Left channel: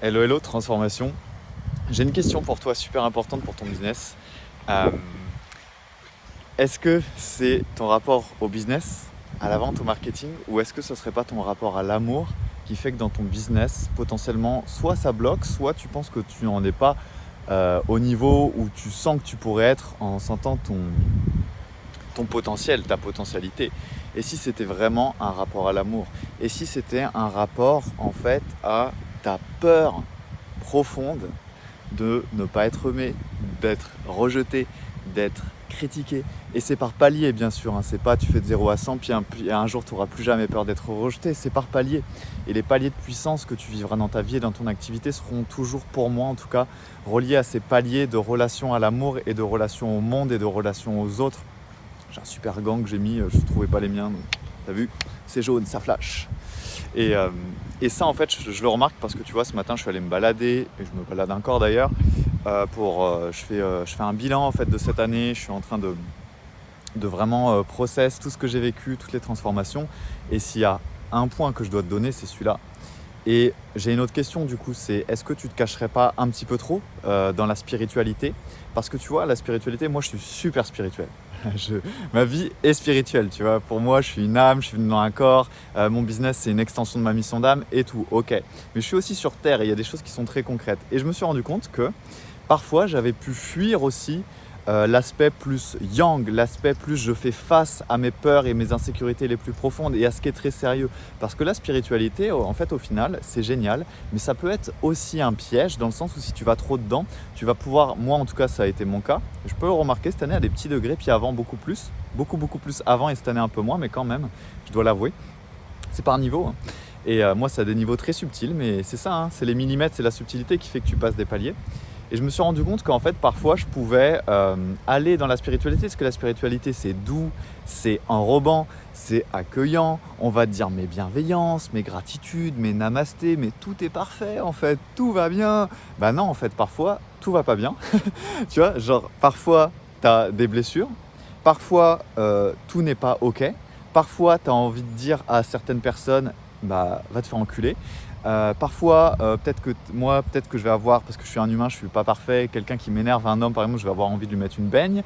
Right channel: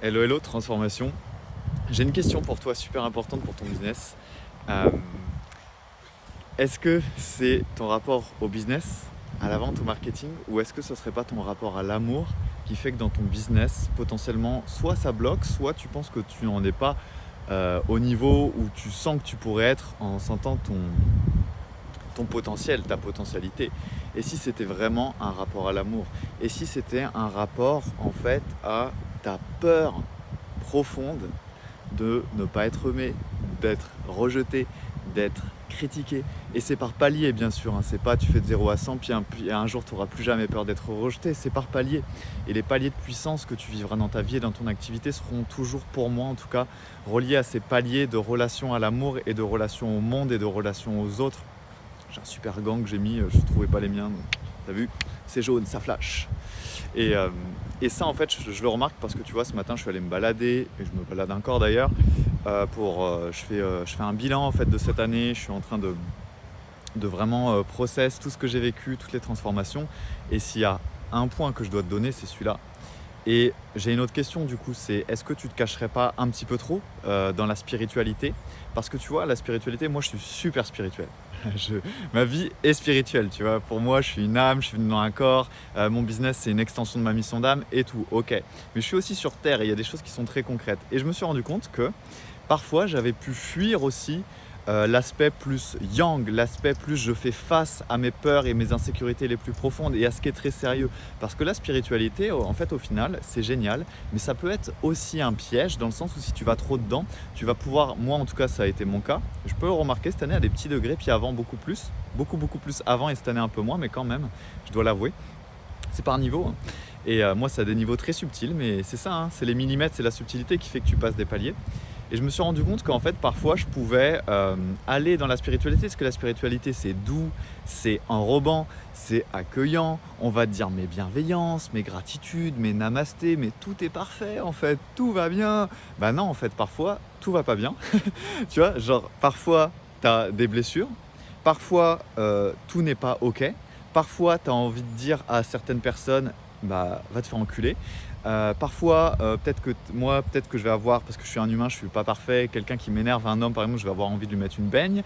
Hello, hello, transformation. J'ai une question pour toi super importante pour ton business. Euh, Est-ce que c'est ton rapport au business, à la vente, au marketing, ou est-ce que ce serait pas ton rapport à l'amour qui fait que dans ton business, potentiellement, soit ça bloque, soit tu penses que tu n'en es pas au niveau où tu sens que tu pourrais être en sentant ton potentiel, ta potentialité. Et si c'était vraiment un rapport à l'amour? Et si c'était un rapport en fait à ta peur profonde de ne pas être aimé, d'être rejeté, d'être critiqué. Et c'est par palier, bien sûr. Hein. C'est pas tu fais de 0 à 100, puis un jour tu n'auras plus jamais peur d'être rejeté. C'est par palier. Et les paliers de puissance que tu vivras dans ta vie et dans ton activité seront toujours, pour moi en tout cas, reliés à ces paliers de relation à l'amour et de relation au monde et de relation aux autres. J'ai un super gant que j'ai mis, je ne trouvais pas les miens. T'as vu? C'est jaune, ça flash. Et, euh, et ça, en fait, je le remarque parce que tu vois, ce matin, je suis allé me balader, et je me balade encore d'ailleurs, je fais un bilan en fait de cette année. Je suis en train de vraiment process tout ce que j'ai vécu, toutes les transformations. Et s'il y a un point que je dois te donner, c'est celui-là. Et j'ai une autre question du coup, c'est est-ce que tu te cacherais pas un petit peu trop dans la spiritualité? Parce que tu vois, la spiritualité, moi je suis super spirituel. Je- Ma vie est spirituelle, tu vois. Pour moi, je suis une âme, je suis dans un corps. Mon business, c'est une extension de ma mission d'âme et tout. Ok. Mais je suis aussi sur Terre et il y a des choses qui sont très concrètes. Et je me suis rendu compte que parfois, j'avais pu fuir aussi l'aspect plus yang, l'aspect plus je fais face à mes peurs et mes insécurités les plus profondes et à ce qui est très sérieux. Parce que la spiritualité, en fait, au final, c'est génial, mais ça peut être aussi un piège dans le sens où si tu vas trop dedans, tu vas pouvoir, moi en tout cas, ça a été mon cas, je peux le remarquer cette année à des petits degrés, puis avant beaucoup plus avant et cette année un peu moins, mais quand même, je dois l'avouer, c'est par niveau. Hein. Et moi, ça a des niveaux très subtils, mais c'est ça, hein, c'est les millimètres, c'est la subtilité qui fait que tu passes des paliers. Et je me suis rendu compte qu'en fait, parfois, je pouvais aller dans la spiritualité, parce que la spiritualité, c'est doux, c'est enrobant, c'est accueillant. On va te dire mes bienveillances, mes gratitudes, mes namastés, mais tout est parfait, en fait, tout va bien. Bah non, en fait, parfois, tout va pas bien. Tu vois, genre, parfois, tu as des blessures, parfois, tout n'est pas OK, parfois, tu as envie de dire à certaines personnes, bah, va te faire enculer. Parfois, peut-être que je vais avoir, parce que je suis un humain, je suis pas parfait, quelqu'un qui m'énerve, un homme par exemple, je vais avoir envie de lui mettre une baigne.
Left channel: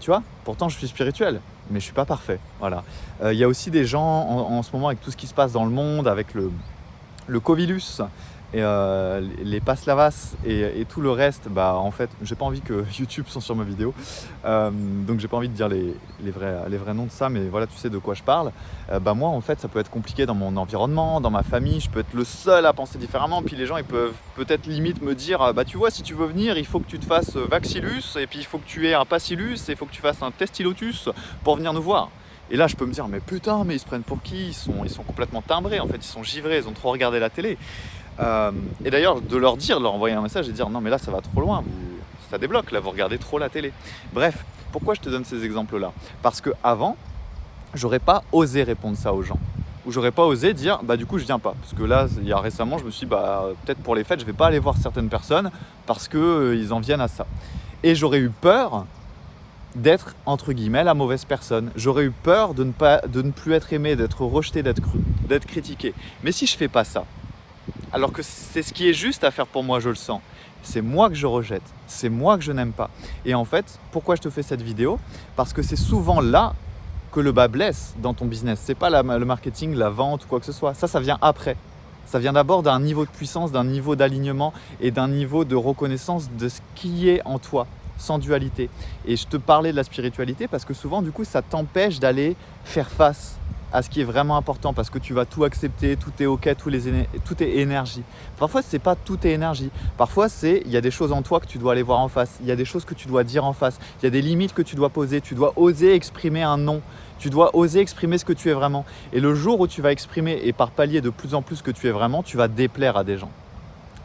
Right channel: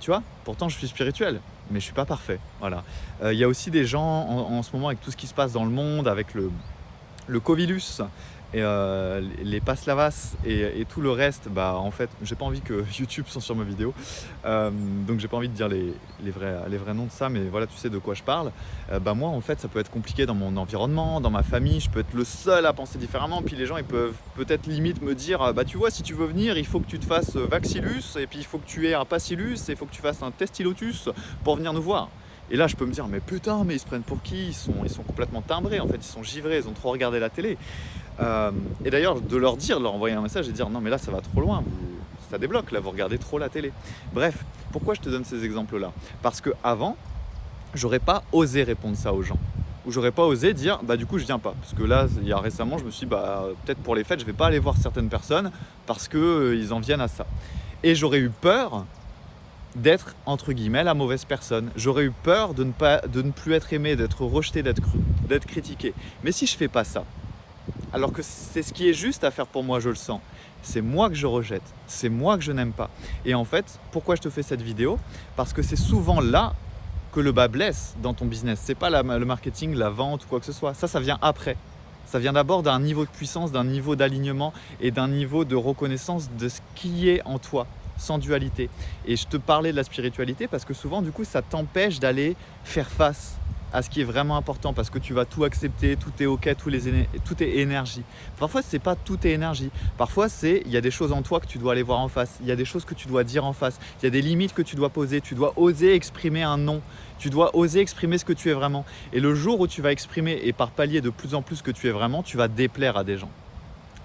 Tu vois, pourtant je suis spirituel, mais je suis pas parfait. Voilà. Il y a aussi des gens en ce moment avec tout ce qui se passe dans le monde, avec le Covilus et les Paslavas et tout le reste, bah en fait, j'ai pas envie que YouTube soit sur ma vidéo, donc j'ai pas envie de dire les vrais noms de ça, mais voilà, tu sais de quoi je parle. Bah moi, en fait, ça peut être compliqué dans mon environnement, dans ma famille, je peux être le seul à penser différemment, puis les gens, ils peuvent peut-être limite me dire, bah tu vois, si tu veux venir, il faut que tu te fasses Vaxilus, et puis il faut que tu aies un Passilus, et il faut que tu fasses un Testilotus pour venir nous voir. Et là, je peux me dire, mais putain, mais ils se prennent pour qui? Ils sont complètement timbrés, en fait, ils sont givrés, ils ont trop regardé la télé. Et d'ailleurs, de leur envoyer un message et dire, non, mais là, ça va trop loin, ça débloque, là, vous regardez trop la télé. Bref, pourquoi je te donne ces exemples-là? Parce que avant, j'aurais pas osé répondre ça aux gens. Ou j'aurais pas osé dire, bah du coup, je viens pas. Parce que là, il y a récemment, je me suis dit, bah peut-être pour les fêtes, je vais pas aller voir certaines personnes parce que ils en viennent à ça. Et j'aurais eu peur d'être entre guillemets la mauvaise personne. J'aurais eu peur de ne plus être aimé, d'être rejeté, d'être critiqué. Mais si je fais pas ça, alors que c'est ce qui est juste à faire pour moi, je le sens. C'est moi que je rejette, c'est moi que je n'aime pas. Et en fait, pourquoi je te fais cette vidéo? Parce que c'est souvent là que le bas blesse dans ton business. C'est pas le marketing, la vente ou quoi que ce soit. Ça vient après. Ça vient d'abord d'un niveau de puissance, d'un niveau d'alignement et d'un niveau de reconnaissance de ce qui est en toi, sans dualité. Et je te parlais de la spiritualité parce que souvent, du coup, ça t'empêche d'aller faire face à ce qui est vraiment important parce que tu vas tout accepter, tout est ok, tout est énergie. Parfois, c'est pas tout est énergie. Parfois, il y a des choses en toi que tu dois aller voir en face. Il y a des choses que tu dois dire en face. Il y a des limites que tu dois poser. Tu dois oser exprimer un non. Tu dois oser exprimer ce que tu es vraiment. Et le jour où tu vas exprimer et par palier de plus en plus ce que tu es vraiment, tu vas déplaire à des gens.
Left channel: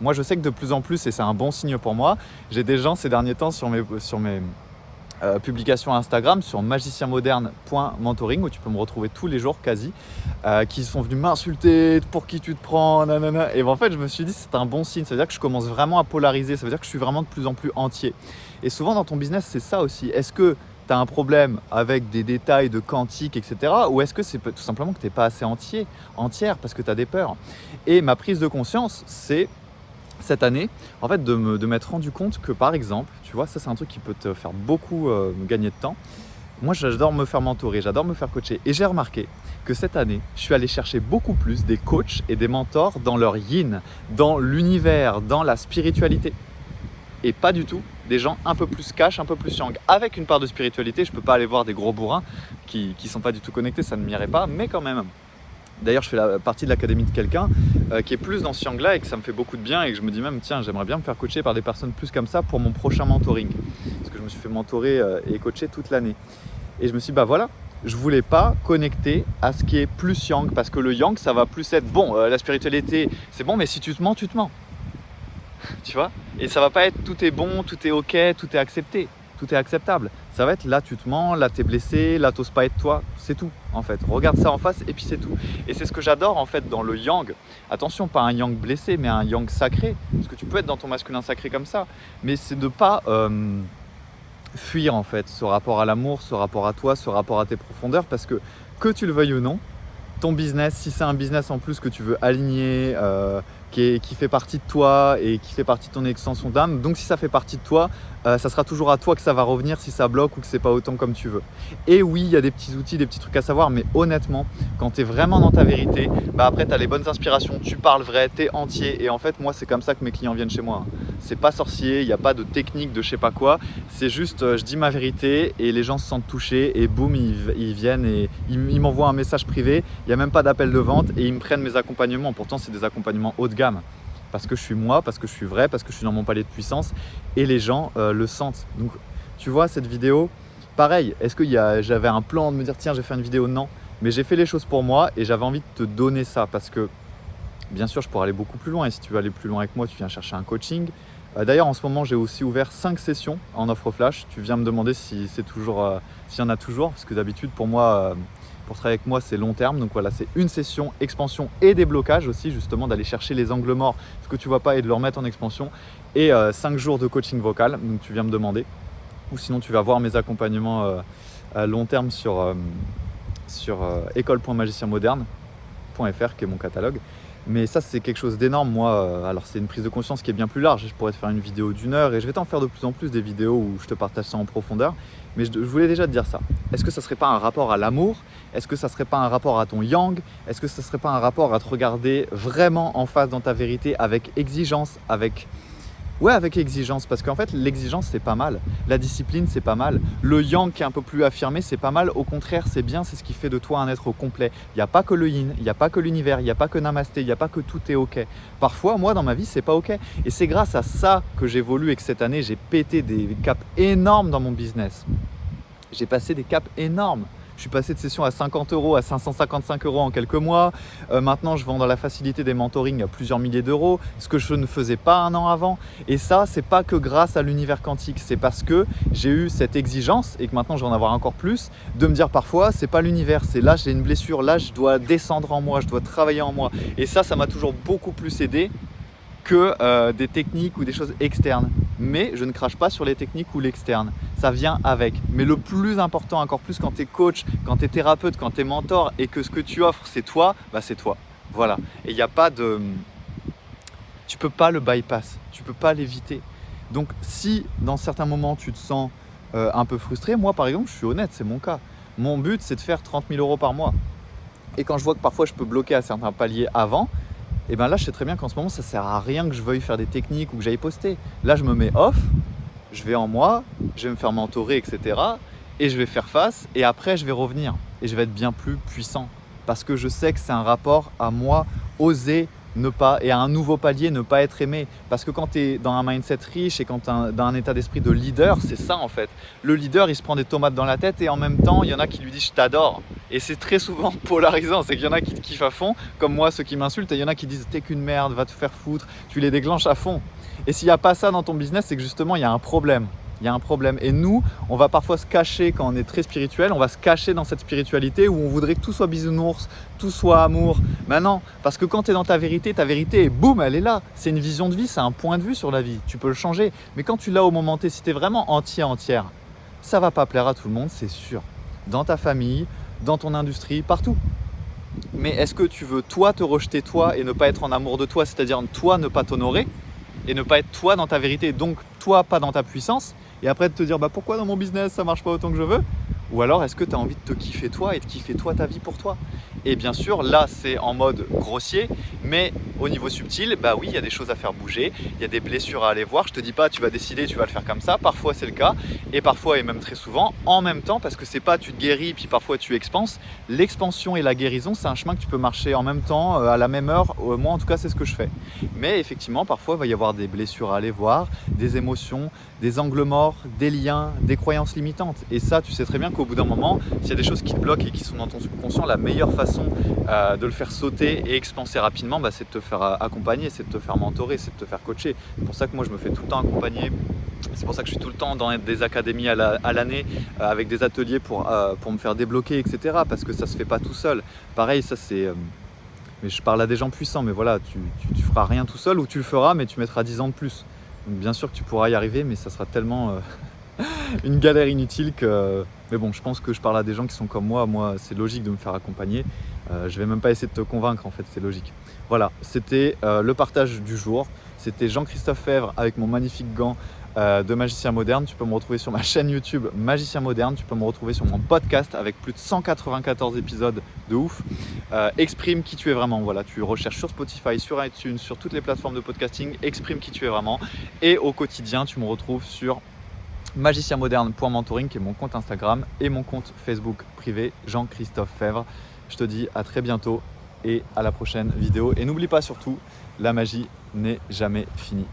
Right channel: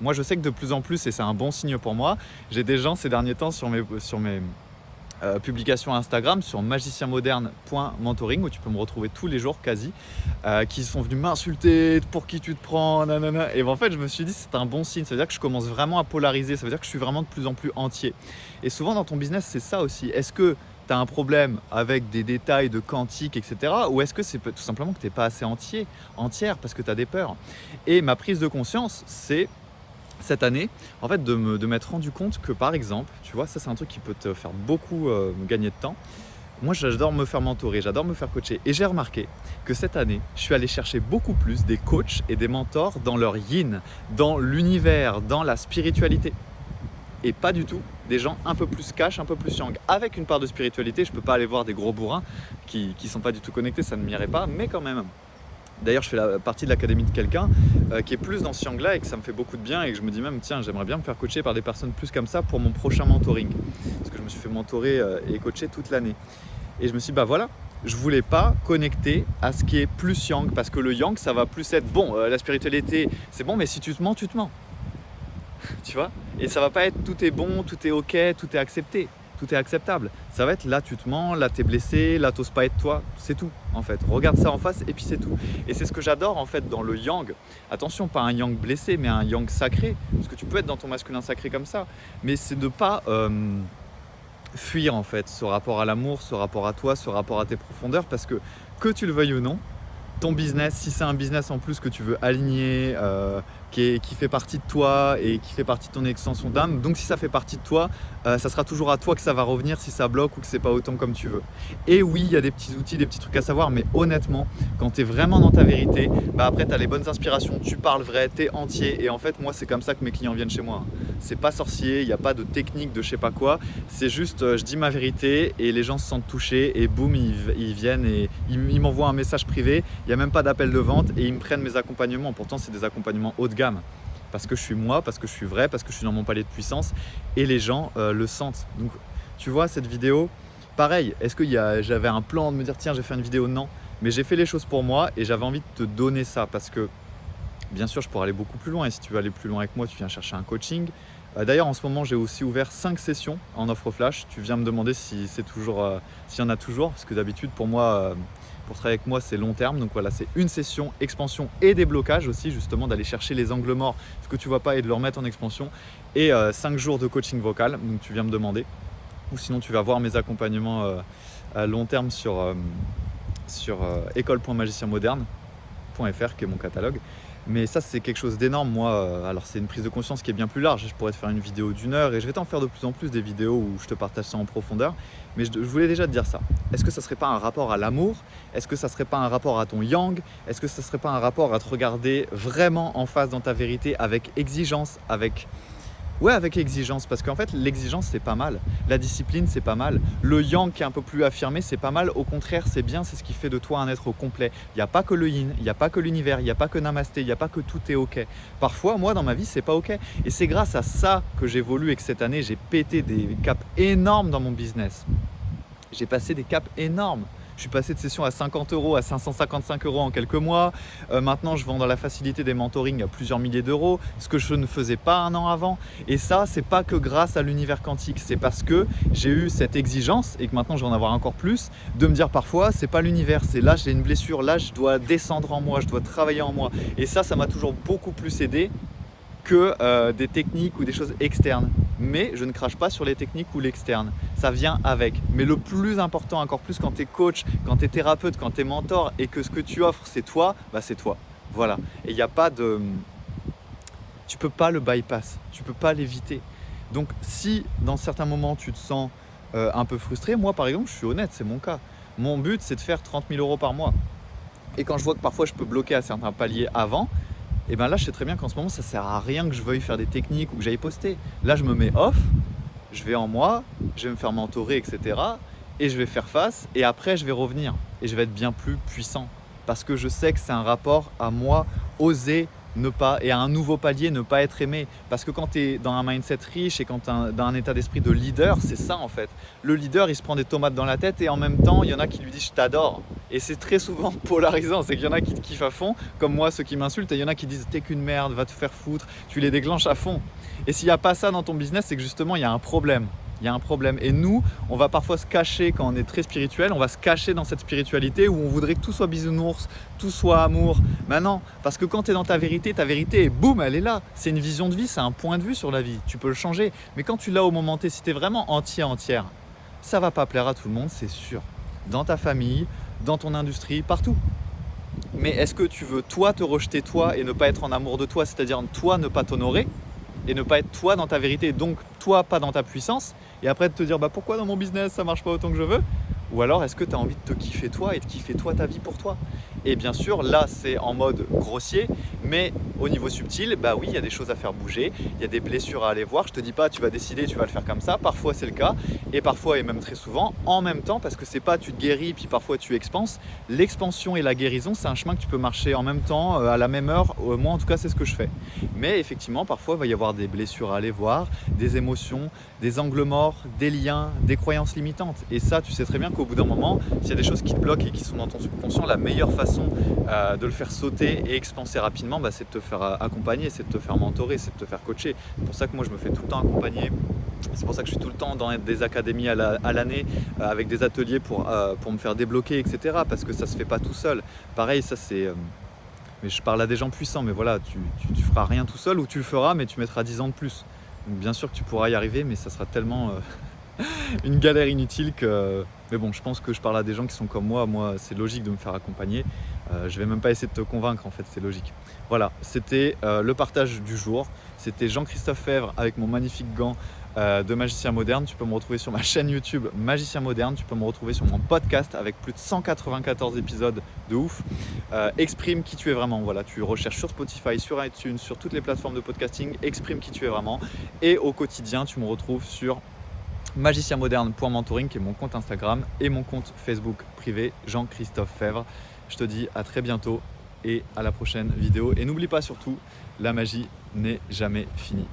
Moi, je sais que de plus en plus, et c'est un bon signe pour moi, j'ai des gens ces derniers temps sur mes publications Instagram, sur magicienmoderne.mentoring, où tu peux me retrouver tous les jours quasi, qui sont venus m'insulter, pour qui tu te prends, nanana. Et en fait, je me suis dit, c'est un bon signe, ça veut dire que je commence vraiment à polariser, ça veut dire que je suis vraiment de plus en plus entier. Et souvent dans ton business, c'est ça aussi. Est-ce que tu as un problème avec des détails de quantique, etc. Ou est-ce que c'est tout simplement que tu n'es pas assez entière parce que tu as des peurs? Et ma prise de conscience, c'est cette année, en fait, de m'être rendu compte que, par exemple, tu vois, ça c'est un truc qui peut te faire beaucoup gagner de temps. Moi, j'adore me faire mentorer, j'adore me faire coacher. Et j'ai remarqué que cette année, je suis allé chercher beaucoup plus des coachs et des mentors dans leur yin, dans l'univers, dans la spiritualité. Et pas du tout des gens un peu plus cash, un peu plus yang. Avec une part de spiritualité, je ne peux pas aller voir des gros bourrins qui ne sont pas du tout connectés, ça ne m'irait pas, mais quand même. D'ailleurs, je fais partie de l'académie de quelqu'un qui est plus dans ce yang-là et que ça me fait beaucoup de bien et que je me dis même, tiens, j'aimerais bien me faire coacher par des personnes plus comme ça pour mon prochain mentoring. Parce que je me suis fait mentorer et coacher toute l'année. Et je me suis dit, bah voilà, je voulais pas connecter à ce qui est plus yang parce que le yang, ça va plus être, bon, la spiritualité, c'est bon, mais si tu te mens, tu te mens. Tu vois? Et ça va pas être tout est bon, tout est ok, tout est accepté. Tout est acceptable. Ça va être là tu te mens, là tu es blessé, là t'oses pas être toi, c'est tout en fait. Regarde ça en face et puis c'est tout. Et c'est ce que j'adore en fait dans le yang. Attention, pas un yang blessé, mais un yang sacré. Parce que tu peux être dans ton masculin sacré comme ça. Mais c'est de pas fuir en fait ce rapport à l'amour, ce rapport à toi, ce rapport à tes profondeurs. Parce que tu le veuilles ou non, ton business, si c'est un business en plus que tu veux aligner, qui fait partie de toi et qui fait partie de ton extension d'âme, donc si ça fait partie de toi, ça sera toujours à toi que ça va revenir si ça bloque ou que c'est pas autant comme tu veux. Et oui, il y a des petits outils, des petits trucs à savoir, mais honnêtement, quand tu es vraiment dans ta vérité, bah après tu as les bonnes inspirations, tu parles vrai, tu es entier. Et en fait, moi, c'est comme ça que mes clients viennent chez moi. C'est pas sorcier, il n'y a pas de technique de je sais pas quoi, c'est juste je dis ma vérité et les gens se sentent touchés et boum, ils viennent et ils m'envoient un message privé, il n'y a même pas d'appel de vente et ils me prennent mes accompagnements. Pourtant, c'est des accompagnements haut de gamme. Parce que je suis moi, parce que je suis vrai, parce que je suis dans mon palier de puissance et les gens le sentent. Donc tu vois cette vidéo, pareil, est-ce que j'avais un plan de me dire tiens je vais faire une vidéo? Non, mais j'ai fait les choses pour moi et j'avais envie de te donner ça parce que bien sûr je pourrais aller beaucoup plus loin et si tu veux aller plus loin avec moi tu viens chercher un coaching. D'ailleurs en ce moment j'ai aussi ouvert 5 sessions en offre flash, tu viens me demander si c'est toujours, s'il y en a toujours parce que d'habitude pour moi pour travailler avec moi, c'est long terme. Donc voilà, c'est une session expansion et déblocage aussi, justement, d'aller chercher les angles morts, ce que tu vois pas, et de le remettre en expansion. Et 5 jours de coaching vocal, donc tu viens me demander. Ou sinon, tu vas voir mes accompagnements à long terme sur école.magicienmoderne.fr, qui est mon catalogue. Mais ça, c'est quelque chose d'énorme. Moi, alors c'est une prise de conscience qui est bien plus large. Je pourrais te faire une vidéo d'1 heure et je vais t'en faire de plus en plus des vidéos où je te partage ça en profondeur. Mais je voulais déjà te dire ça. Est-ce que ça serait pas un rapport à l'amour? Est-ce que ça serait pas un rapport à ton yang? Est-ce que ça serait pas un rapport à te regarder vraiment en face dans ta vérité avec exigence, avec exigence, parce qu'en fait l'exigence c'est pas mal, la discipline c'est pas mal, le yang qui est un peu plus affirmé c'est pas mal, au contraire c'est bien, c'est ce qui fait de toi un être complet. Il n'y a pas que le yin, il n'y a pas que l'univers, il n'y a pas que namasté, il n'y a pas que tout est ok. Parfois moi dans ma vie c'est pas ok et c'est grâce à ça que j'évolue et que cette année j'ai pété des caps énormes dans mon business. J'ai passé des caps énormes. Je suis passé de session à 50 € à 555 € en quelques mois. Maintenant, je vends dans la facilité des mentorings à plusieurs milliers d'euros, ce que je ne faisais pas un an avant. Et ça, c'est pas que grâce à l'univers quantique, c'est parce que j'ai eu cette exigence et que maintenant je vais en avoir encore plus, de me dire parfois, c'est pas l'univers, c'est là j'ai une blessure, là je dois descendre en moi, je dois travailler en moi. Et ça m'a toujours beaucoup plus aidé que des techniques ou des choses externes. Mais je ne crache pas sur les techniques ou l'externe. Ça vient avec. Mais le plus important, encore plus quand tu es coach, quand tu es thérapeute, quand tu es mentor et que ce que tu offres c'est toi, bah c'est toi. Voilà. Et il n'y a pas de... Tu peux pas le bypass, tu peux pas l'éviter. Donc si dans certains moments tu te sens un peu frustré, moi par exemple je suis honnête, c'est mon cas. Mon but c'est de faire 30 000 € par mois. Et quand je vois que parfois je peux bloquer à certains paliers avant, et bien là je sais très bien qu'en ce moment ça sert à rien que je veuille faire des techniques ou que j'aille poster. Là je me mets off, je vais en moi, je vais me faire mentorer, etc. Et je vais faire face et après je vais revenir et je vais être bien plus puissant. Parce que je sais que c'est un rapport à moi, oser ne pas, et à un nouveau palier, ne pas être aimé. Parce que quand tu es dans un mindset riche et quand tu es dans un état d'esprit de leader, c'est ça en fait. Le leader, il se prend des tomates dans la tête et en même temps, il y en a qui lui disent « je t'adore ». Et c'est très souvent polarisant, c'est qu'il y en a qui te kiffent à fond, comme moi, ceux qui m'insultent, et il y en a qui disent « t'es qu'une merde, va te faire foutre », tu les déclenches à fond. Et s'il n'y a pas ça dans ton business, c'est que justement, il y a un problème. Il y a un problème. Et nous, on va parfois se cacher quand on est très spirituel, on va se cacher dans cette spiritualité où on voudrait que tout soit bisounours, tout soit amour. Mais non, parce que quand tu es dans ta vérité est boum, elle est là. C'est une vision de vie, c'est un point de vue sur la vie. Tu peux le changer. Mais quand tu l'as au moment T, si tu es vraiment entière, ça va pas plaire à tout le monde, c'est sûr. Dans ta famille, dans ton industrie, partout. Mais est-ce que tu veux toi te rejeter toi et ne pas être en amour de toi, c'est-à-dire toi ne pas t'honorer? et ne pas être toi dans ta vérité, donc toi pas dans ta puissance, et après de te dire pourquoi dans mon business ça marche pas autant que je veux? Ou alors est-ce que tu as envie de te kiffer toi et de kiffer toi ta vie pour toi? Et bien sûr, là c'est en mode grossier, mais au niveau subtil, oui, il y a des choses à faire bouger, il y a des blessures à aller voir. Je te dis pas tu vas décider, tu vas le faire comme ça, parfois c'est le cas, et parfois et même très souvent en même temps, parce que c'est pas tu te guéris puis parfois tu expanses. L'expansion et la guérison, c'est un chemin que tu peux marcher en même temps, à la même heure. Moi en tout cas c'est ce que je fais. Mais effectivement parfois il va y avoir des blessures à aller voir, des émotions, des angles morts, des liens, des croyances limitantes. Et ça, tu sais très bien qu'au bout d'un moment, s'il y a des choses qui te bloquent et qui sont dans ton subconscient, la meilleure façon de le faire sauter et expanser rapidement, c'est de te faire accompagner, c'est de te faire mentorer, c'est de te faire coacher. C'est pour ça que moi, je me fais tout le temps accompagner. C'est pour ça que je suis tout le temps dans des académies à l'année avec des ateliers pour me faire débloquer, etc. Parce que ça ne se fait pas tout seul. Pareil, ça c'est... mais je parle à des gens puissants, mais voilà, tu feras rien tout seul, ou tu le feras, mais tu mettras 10 ans de plus. Donc bien sûr que tu pourras y arriver, mais ça sera tellement une galère inutile que... Mais bon, je pense que je parle à des gens qui sont comme moi. Moi, c'est logique de me faire accompagner. Je vais même pas essayer de te convaincre, en fait, c'est logique. Voilà, c'était le partage du jour. C'était Jean-Christophe Fèvre avec mon magnifique gant de magicien moderne. Tu peux me retrouver sur ma chaîne YouTube Magicien Moderne. Tu peux me retrouver sur mon podcast avec plus de 194 épisodes de ouf. Exprime qui tu es vraiment. Voilà, tu recherches sur Spotify, sur iTunes, sur toutes les plateformes de podcasting. Exprime qui tu es vraiment. Et au quotidien, tu me retrouves sur magicienmoderne.mentoring, qui est mon compte Instagram, et mon compte Facebook privé Jean-Christophe Fèvre. Je te dis à très bientôt et à la prochaine vidéo. Et n'oublie pas surtout, la magie n'est jamais finie.